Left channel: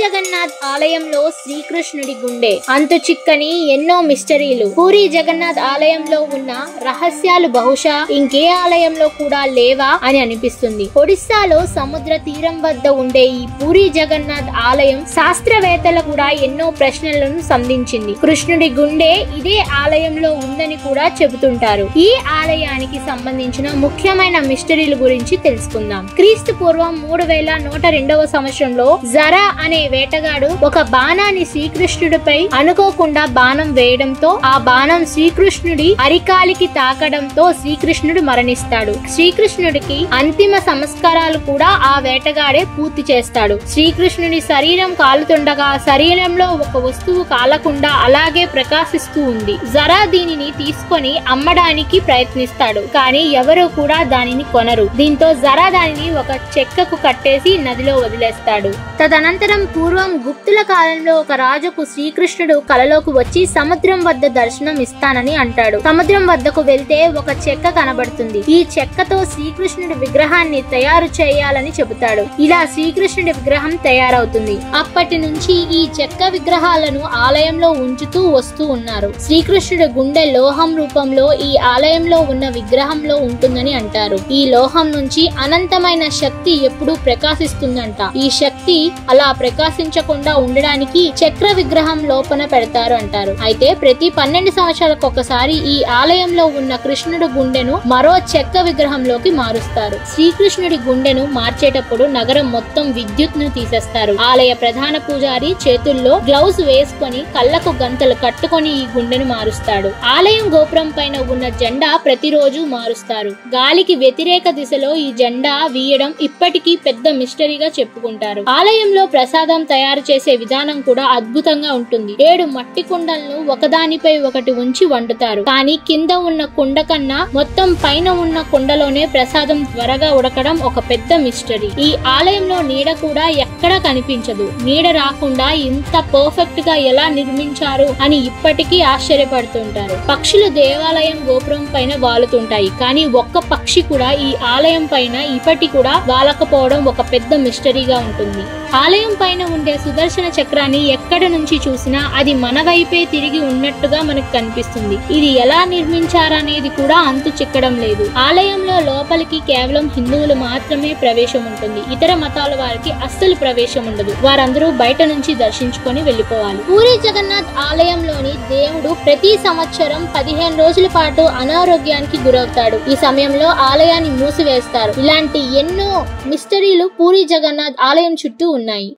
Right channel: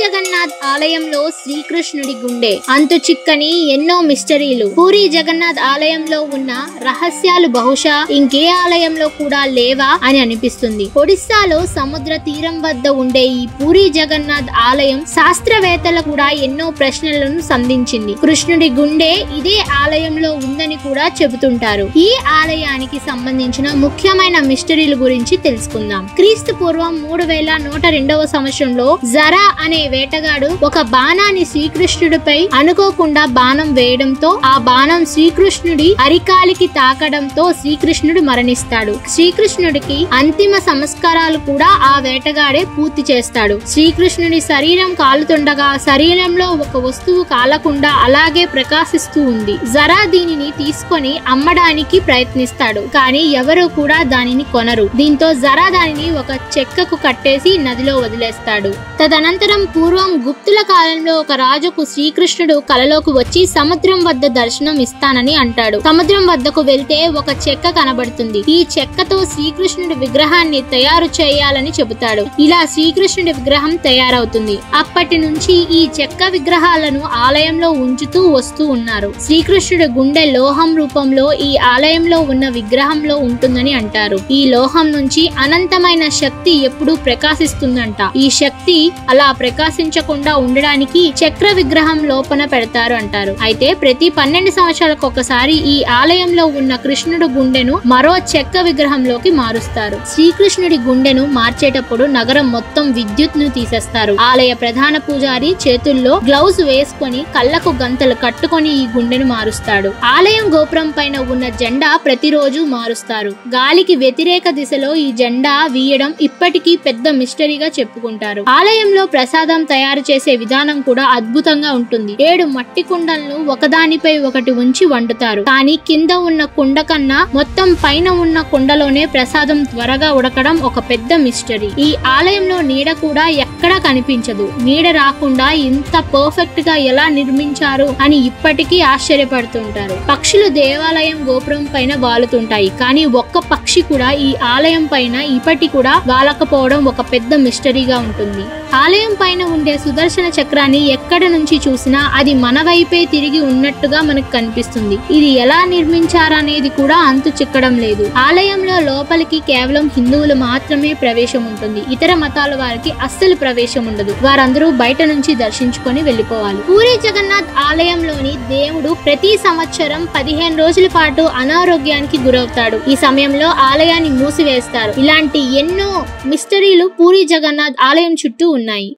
జగన్నాథ్ ఆలయంలో శ్రీకృష్ణుడి గుండె. అంతు చిక్కని ఎన్నో మిస్టరీలు. పూరి జగన్నాథ్ ఆలయంలో ఉన్న రహస్యాలు బహుశా ఇంకే ఆలయంలో కూడా లేవా అని అనిపిస్తుంది. ఒడిస్సాలో సముద్ర తీరం వద్ద ఉండే ఈ పూరి జగన్నాథ్ ఆలయం శాస్త్రవేత్తలు కూడా ఎన్నో ప్రశ్నలను సంధించింది. కృష్ణుడి గుండె ఇదే ఆలయంలో ఉందని కూడా చెబుతుంటారు. ఈ ఆలయానికి సంబంధించిన ముఖ్యమైన మిస్టరీల గురించి తెలుసుకుందాం. క్రీస్తు పూర్వం 3102వ సంవత్సరంలో జరా అనే వేటగాడు ఒక బాణాన్ని శ్రీకృష్ణుడిపై అనుకోకుండా బాణం వేయడంతో ఆ బాణం శ్రీకృష్ణుడి అరికాలికి తాకడంతో శ్రీకృష్ణుడు మరణిస్తాడు. శ్రీకృష్ణుడికి అంతిమ సంస్కారాలు కూడా ఆ వేటగాడే పూర్తి చేస్తాడు. శ్రీకృష్ణుడి శరీరం కాలుతుండగా శరీరంలో ఒక వస్తువు కాలకుండా అలాగే ప్రకాశిస్తూ ఉంది. జరా దీనిని తీసుకొని అమ్మడానికి ప్రయత్నిస్తాడు, కానీ ఎవరు కూడా దానిని కొనరు. దీంతో జరా దానిని ఒక చెక్కకు కట్టేసి నదిలో వదిలేస్తాడు. తదనంతరం పూర్వం గుప్తుల కాలంలో ఒక రాజుకు శ్రీకృష్ణుడు కలలోకి వచ్చి సముద్రం వద్ద దర్శనం ఇస్తానని అంటాడు. సముద్రం వద్దకు వెళ్తే ఒక చెక్క కనబడుతుంది. ఈ చెక్కతో శ్రీకృష్ణుడి విగ్రహాన్ని తయారు చేయాలని చెబుతాడు. ఇలా శ్రీకృష్ణుడి విగ్రహం తయారవుతుంది. అప్పటి నుంచి ఈ చెక్క విగ్రహాలను ఆలయంలో ఉంచుతూ వస్తూ ఉన్నారు. శ్రీకృష్ణుడి గుండె లోహం రూపంలో ఈ ఆలయంలో ఉన్న విగ్రహంలో ఉంటుందని అంటారు. ఈ లోహం నుంచి అనంతమైన శక్తి ఎప్పుడూ ప్రకాశిస్తుందంట. ఈ శక్తి అలా ప్రకాశించకుండా ఉండడానికి చక్ర విగ్రహం లోపల పెడతారు అంటారు. అయితే ప్రతి 12 సంవత్సరాలకు ఒకసారి ఈ ఆలయంలో ఉన్న కృష్ణుడి గుండెను మరో చెక్క విగ్రహంలోకి మారుస్తారు. శ్రీకృష్ణుడి గుండెను మార్చేటప్పుడు నగరం మొత్తం విద్యుత్ ను తీసేస్తారు. ఆలయ ప్రధాన పూజారి చేతుల్లో గ్లౌజ్ వేసుకొని కళ్ళకు గంతలు కట్టుకొని ఈ గుండెను మారుస్తాడు. ఆలయం గోపురం పైన ఉన్న జెండా ప్రతిరోజు మారుస్తారు. గాలికి వ్యతిరేక దిశలో ఈ జెండా వీయడం ఇప్పటికీ పెద్ద మిస్టరీగా చెప్పుకుంటారు. ఆలయంలో ప్రసాదం తయారు చేసే విధానం కూడా అద్భుతంగా ఉంటుంది. 7 మట్టి కుండలను ఒకదానిపై ఒకటి ఉంచి వండుతారు. కానీ కింద ఉన్న కుండ కన్నా మొత్తం పైన ఉన్న కుండలోనే ప్రసాదం త్వరగా ఉడకడం ఒక పెద్ద మిస్టరీ. ఈ ఆలయంలో నీడ కూడా ఎక్కడా కనిపించదు. నీడ రాకుండా ఇంత పర్ఫెక్ట్ గా ఎలా నిర్మించారు అని ఇప్పటికీ ఆశ్చర్యపడుతుంటారు. పక్షులు దేవాలయం గోపురం పైన వాలుతుంటాయి, కానీ ఒక్క పక్షి కూడా ఈ ఆలయం పైన ఇప్పటి కూడా వాలకపోవడం ఒక పెద్ద మిస్టరీగా ఉంటుంది. ఆలయం పైన ఉండే సుదర్శన చక్రాన్ని ఎక్కడ నుంచి చూసినా అది మన వైపే తిరిగి ఉన్నట్టుగా మనకు కనిపిస్తుంది. ఇది ఎలా నిర్మించారనేది కూడా అంతు చిక్కడం లేదు. ఆలయంలో లోపలికి కేవలం హిందువులు మాత్రమే ప్రవేశం ఉంటుంది. ఇతర మతాల వారికి అస్సలు ప్రవేశం ఉండదు. వారందరూ బయట నుంచి దర్శించుకొని వెళ్లిపోవాలి. పూరి జగన్నాథ్ ఆలయంలోని దేవుడు ప్రతి సంవత్సరం 15 రోజుల పాటు అనారోగ్యానికి గురవుతాడు. ఈ సమయంలో ఆలయాన్ని మూసివేస్తారు. ఇలాంటి ఎన్నో మిస్టరీలు పూరి జగన్నాథ్ ఆలయం చుట్టూ ఉన్నాయి.